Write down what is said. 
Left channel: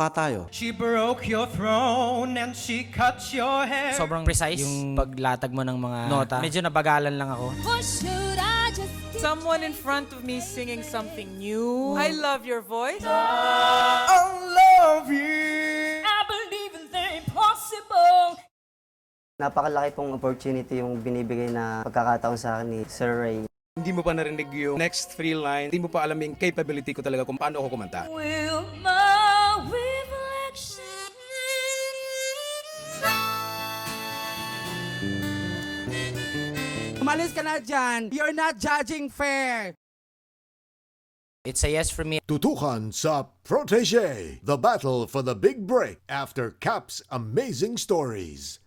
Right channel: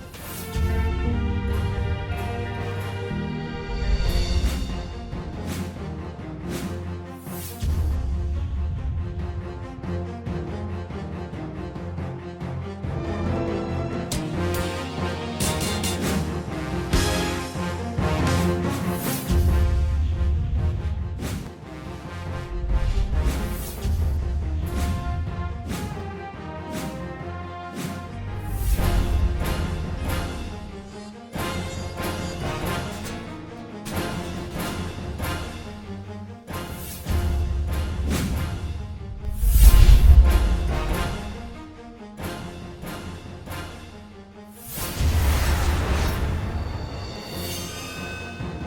magkamukha tayo. She broke your throne and she cut your hair. Sobrang precise yung paglatag mo ng mga nota. Medyo nabagalan lang ako. Or should I just Someone in front of me singing something new. I love your voice. I love you. I believe in impossible? Napakalaki pong opportunity yung binibigay na pagkakataon sa akin ni Sir Ray. Hindi mo pa narinig yung next three line. Hindi mo pa alam yung capability ko talaga kung paano ako kumanta. Will fall reflection. Umalis ka na dyan. You're not judging fair. It's a yes for me. Tutukan sa Protege, the battle for the big break after Cap's amazing stories.